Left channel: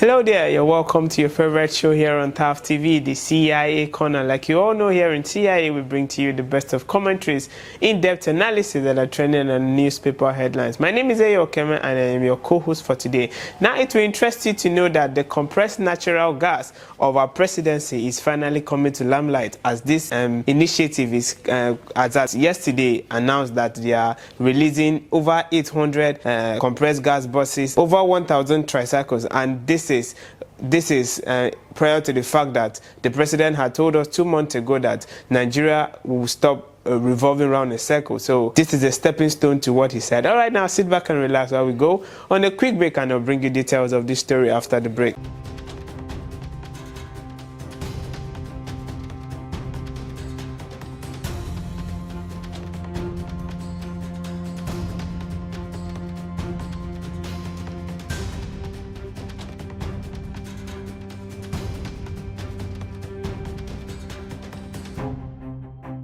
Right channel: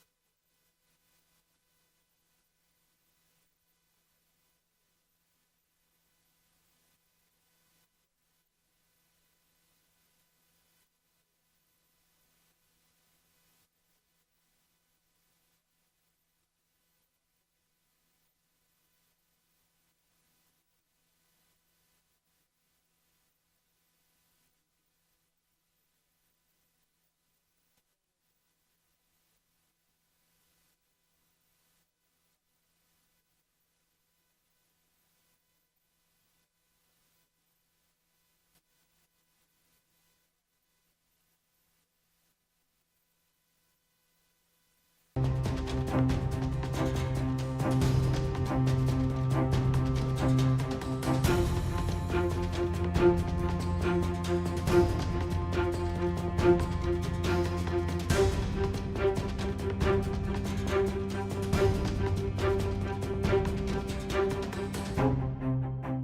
Hello there, you're welcome to your favorite show here on TAF TV, the CIA Corner. Like you all know, here in CIA, we bring to you the best of commentaries, in-depth analysis that are trending on newspaper headlines. My name is Ayo Okeme and I am your co-host for today. Now, it will interest you to know that the compressed natural gas of our presidency is finally coming to limelight, as this initiative is, as yesterday, announced that they are releasing over 800 compressed gas buses, over 1,000 tricycles, and this is prior to the fact that the president had told us 2 months ago that Nigeria will stop revolving around a circle. So this is a stepping stone to what he said. All right, now sit back and relax while we go on a quick break, and I'll bring you details of this story after the break.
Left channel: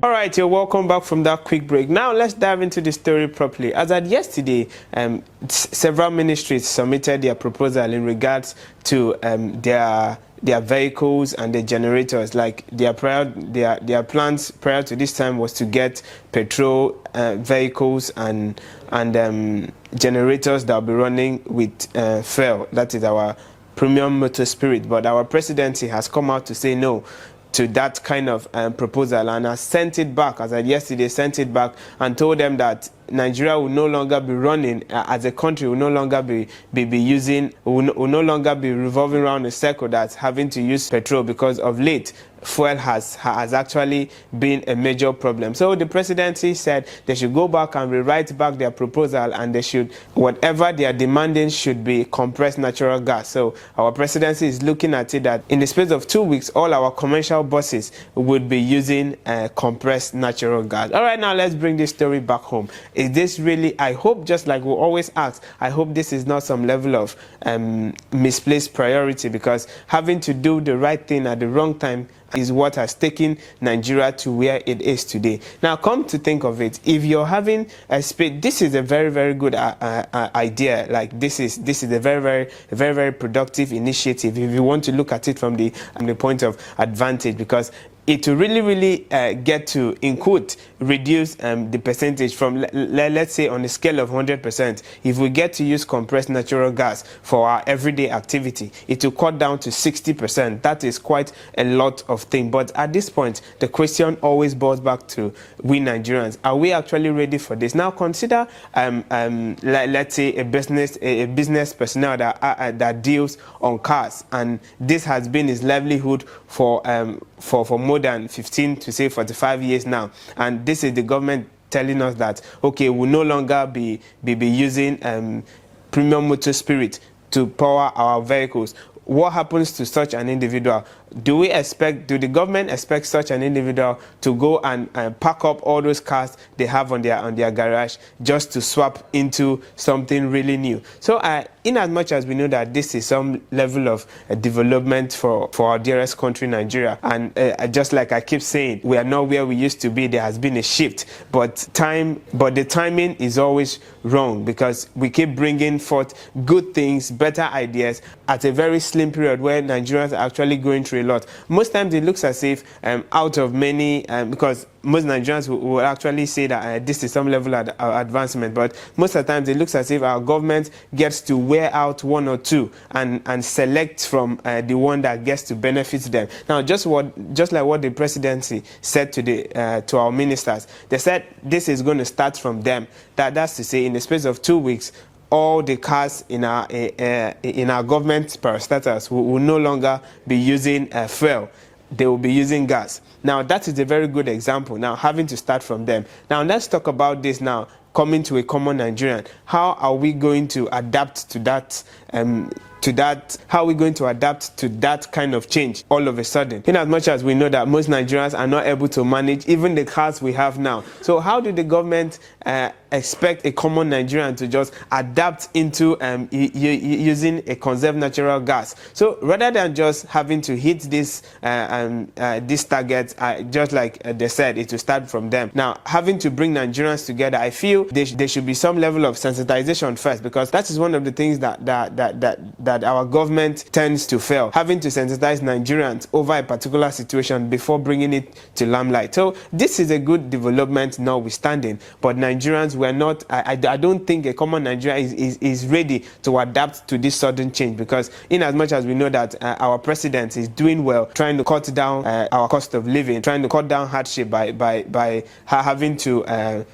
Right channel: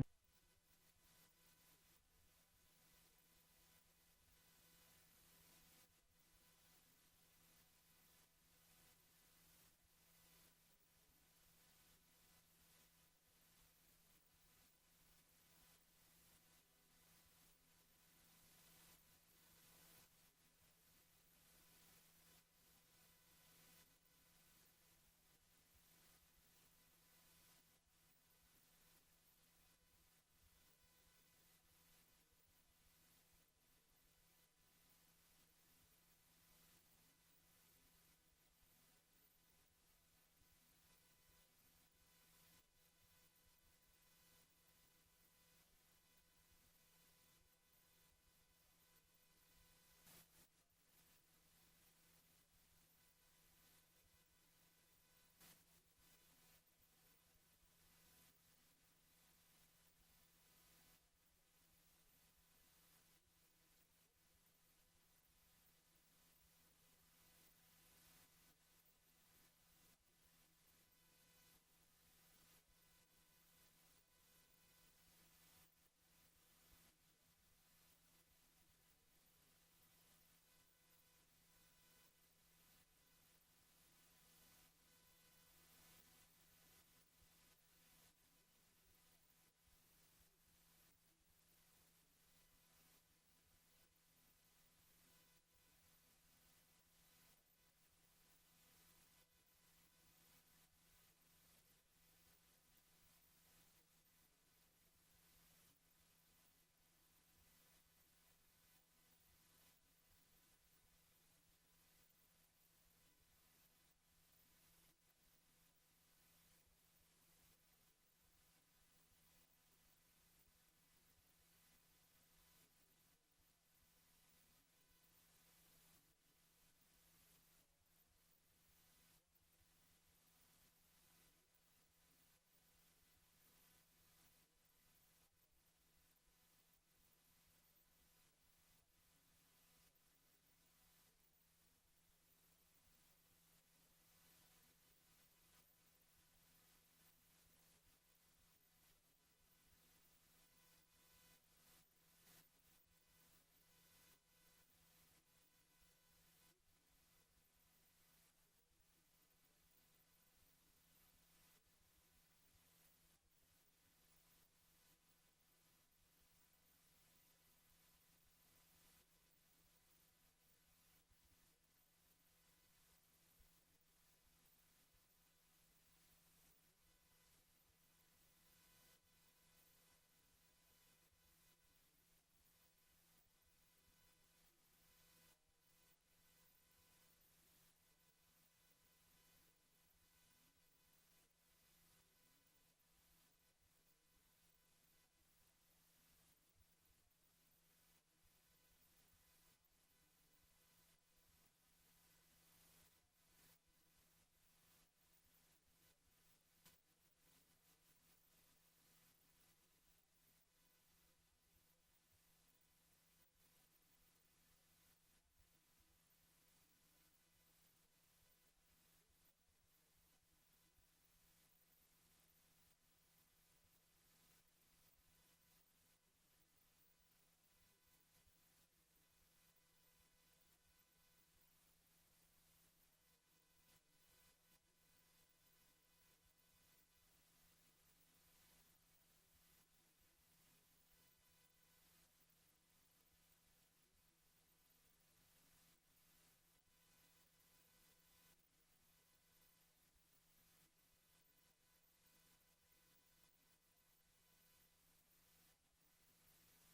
All right, you're welcome back from that quick break. Now let's dive into the story properly. As at yesterday, several ministries submitted their proposal in regards to their vehicles and the generators. Like their plans prior to this time was to get petrol vehicles and generators that will be running with fuel. That is our premium motor spirit. But our presidency has come out to say no to that kind of proposal, and has sent it back, as I yesterday sent it back and told them that Nigeria will no longer be running as a country, will no longer be no longer be revolving around a circle that's having to use petrol, because of late fuel has actually been a major problem. So the presidency said they should go back and rewrite back their proposal, and they should, whatever they are demanding should be compressed natural gas. So our presidency is looking at it that in the space of 2 weeks, all our commercial buses would be using compressed natural gas. All right, now let's bring this story back home. Is this really, I hope, just like we always ask, I hope this is not some level of misplaced priority, because having to do the right thing at the wrong time is what has taken Nigeria to where it is today. Now, come to think of it, if you're having a space, this is a very, very good idea. Like this is a very productive initiative if you want to look at it from the point of advantage, because it will really get to, in quote, reduce the percentage from, let's say, on a scale of 100%. If we get to use compressed natural gas for our everyday activity, it will cut down to 60%. That is quite a lot of things. But at this point, the question always boils back to we Nigerians. Are we actually ready for this? Now, consider, let's say, a business personnel that deals on cars, and this has been his livelihood for more than 15 to say 45 years now, and this is the government telling us that okay, we'll no longer be using premium motor spirit to power our vehicles. What happens to such an individual? Do the government expect such an individual to go and pack up all those cars they have on their garage just to swap into something really new? So in as much as we know that this is some level of development for our dearest country, Nigeria, and just like I keep saying, we are not where we used to be. There has been a shift, but the timing is always wrong, because we keep bringing forth good things, better ideas at a very slim period where Nigerians are actually going through a lot. Most times it looks as if out of many, because most Nigerians will actually say that this is some level of advancement, but most of the times it looks as if our government gets to wear out one or two and select from the one that gets to benefit them. Now, just like what the presidency said to our ministers, they said this is going to start from them. That's to say, in the space of 2 weeks, all the cars in our government parastatals will no longer be using fuel. They will be using gas. Now, that is a very good example. Now, having to start from them. Now, let's talk about this now, coming to a common Nigerian. How are we going to adapt to that? How are we going to adapt to that kind of change all of a sudden? In as much as we know that most Nigerians are not able to manage even the cars we have now. So how do the government expect a common Nigerian to just adapt into using a conserved natural gas? So rather than just having to hit this target, just like they said, it will start from them. Now, having to bring Nigerians together, I feel there should be some level of sensitization first, because that is one of the things that that our government tends to fail, having to sensitize Nigerians over a particular situation before bringing it to limelight. So this is a good development notwithstanding, but Nigerians were not, I don't think a common Nigerian is ready to adapt to this sudden change, because in as much as we know that our president is doing well, trying to cut down our cost of living, trying to cut down hardship by having to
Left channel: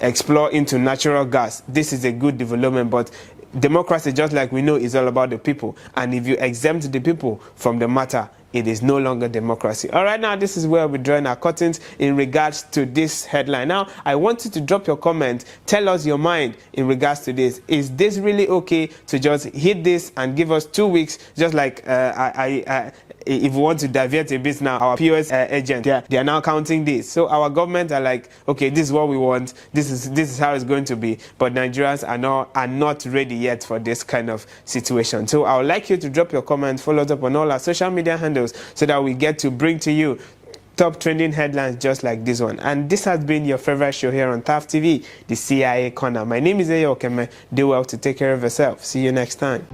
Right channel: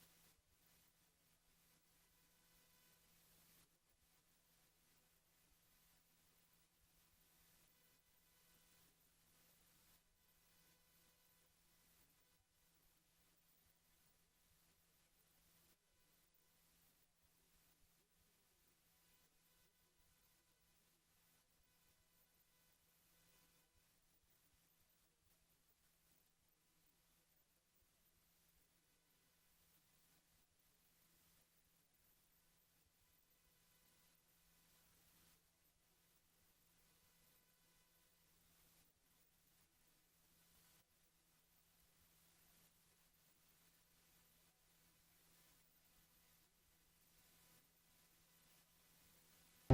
explore into natural gas. This is a good development, but democracy, just like we know, is all about the people. And if you exempt the people from the matter, it is no longer democracy. All right, now this is where we're drawing our curtains in regards to this headline. Now, I want you to drop your comment. Tell us your mind in regards to this. Is this really okay to just hit this and give us 2 weeks, just like if we want to divert a bit now, our POS agent, they are now counting this. So our government are like, okay, this is what we want. This is how it's going to be. But Nigerians are not ready yet for this kind of situation. So I would like you to drop your comment, follow us up on all our social media handles, so that we get to bring to you top trending headlines just like this one. And this has been your favorite show here on TAF TV, the CIA Corner. My name is Eyo Okeme. Do well to take care of yourself. See you next time.